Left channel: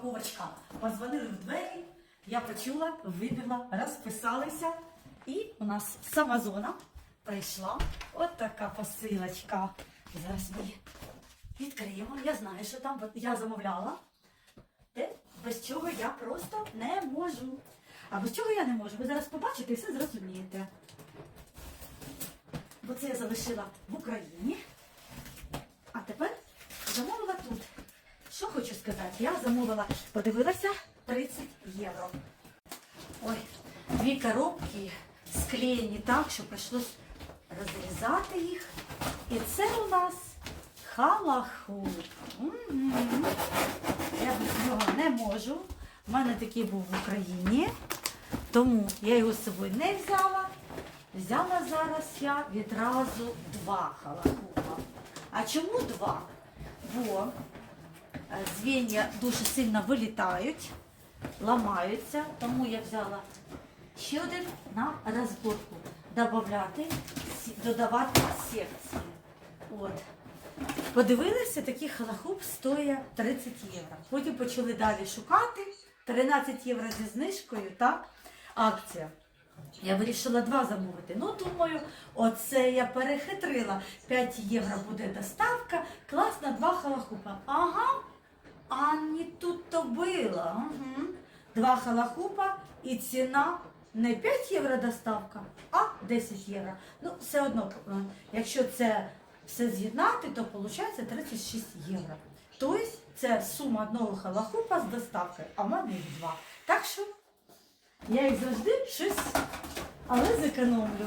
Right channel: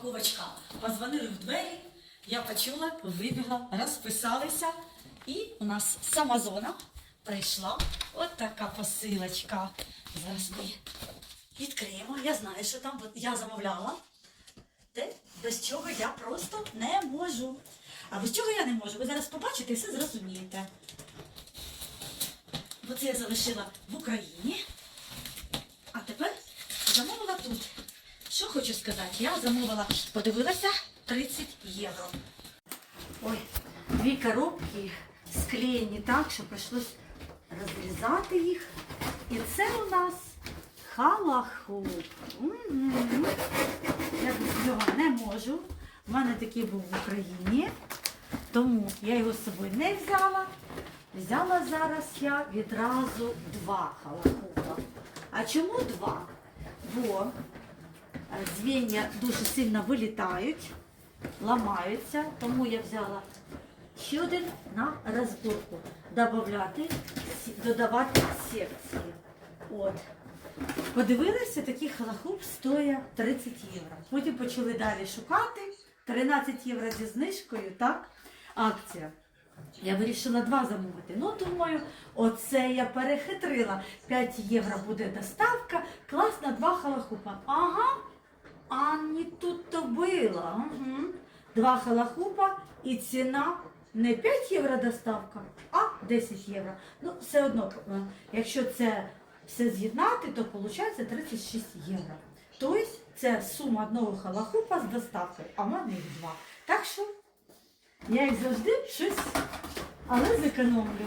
упаковочка. Позвонили в двері, я почула, вибігла, розписалися. І у нас з Амазона прийшла от така посилочка. Зараз ми відкриємо. Я знаю, що там я замовляла. Те, без чого я просто не можу. А без чого я не можу? Ви зараз побачите і все зрозумієте. Бо це я залишила в Україні. А тепер замовила тут. Що хочу сказати? Я замовила, подивилася 30 євро. Ой, дві коробки склеєні так, що прийшлось розрізати їх. І це у нас халаху. Я без нього не можу. У мене такий був в Україні, тому я його з собою не взяла. Взяла зараз я відразу два халахупа. А чому два? Бо звіння дуже сильно вилітають, ламаються, тому я взяла ще один на розборку. Добавляти, додавати секції. От. Подивилися, такий халахуп стоїть 30 євро. Потім почали далі шукати. 13 євро зі знижкою, так? Акція. Я вирішила два замовити. Ну, думаю, оце я перехитрила. 5 євро буде доставка, класно, два халахупа. Ага, а не тут то було. Угу. Два халахупа і ціна не 5 євро доставка, а 10 євро. Ну, все одно, е, якщо це все з'єднати, то виходить 36 євро. Тобто це сума одного халахупа з доставкою, а в мене їх два. Так що я як завжди щось, але зекономлю.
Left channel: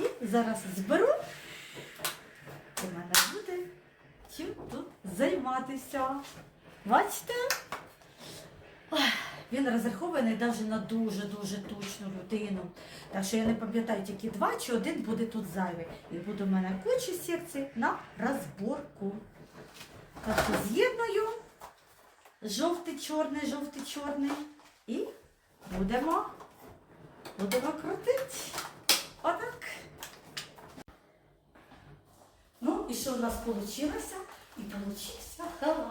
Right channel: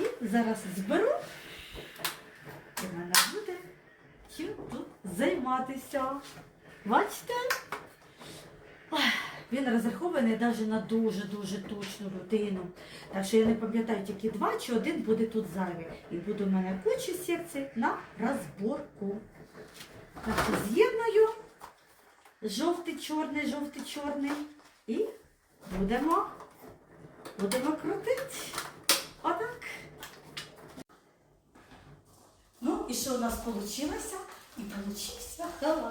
І зараз зберу. І в мене буде чим тут займатися. Бачите? Він розрахований навіть на дуже-дуже точну людину. Так що я не пам'ятаю тільки два чи один буде тут зайвий. І буде в мене куча секцій на розборку. Так що з'єдную жовтий, чорний, жовтий, чорний. І будемо, будемо крутити. Отак. Ну, і що у нас вийшло? І вийшло халаху.